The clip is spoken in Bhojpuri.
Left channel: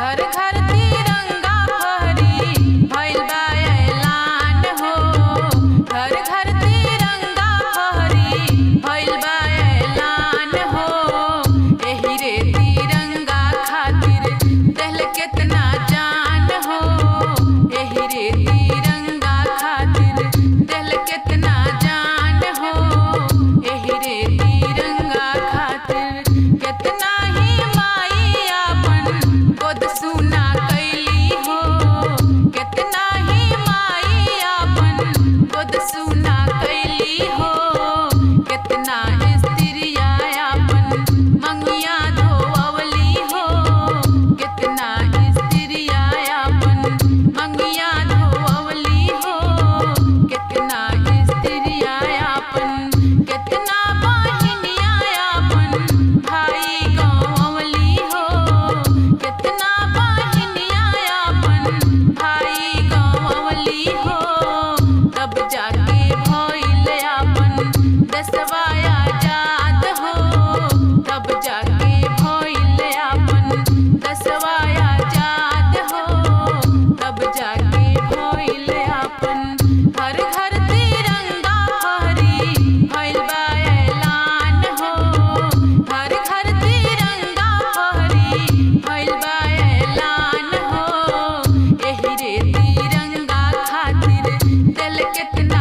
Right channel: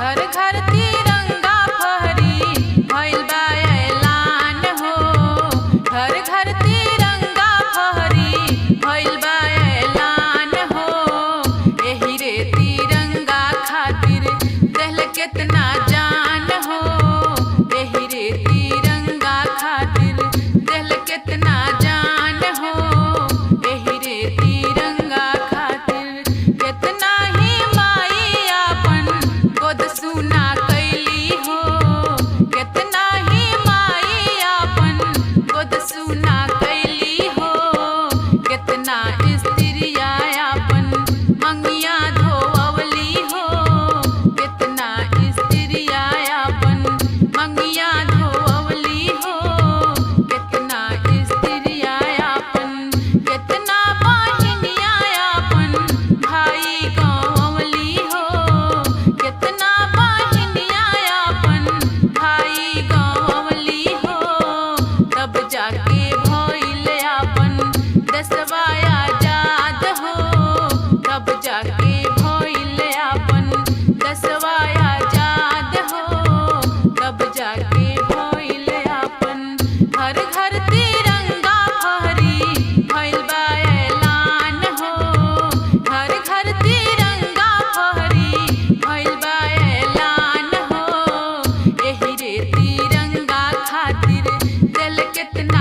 घर घर तिरंगा फहरी भइल बा ऐलान हो। घर घर तिरंगा फहरी भइल बा ऐलान हो। एही रे तिरंगा खातिर देहल केतना जान हो। एही रे तिरंगा खातिर देहल केतना जान हो। एही रे तिरंगा खातिर केतना ही माई आपन गोद सुना कैली हो। केतना ही माई आपन गोद सुना कैली हो। केतना स्त्रिया आपन मंगिया धोवली हो। केतना स्त्रिया आपन मंगिया धोवली हो। केतना स्त्रिया आपन केतना बहिनिया आपन भाई गंवली हो। केतना बहिनिया आपन भाई गंवली हो। तब जाके भइल आपन देशवा आजाद हो। तब जाके भइल आपन देशवा आजाद हो। तब जाके भइल आपन घर घर तिरंगा फहरी भइल बा ऐलान हो। घर घर तिरंगा फहरी भइल बा ऐलान हो। एही रे तिरंगा खातिर दिल केतना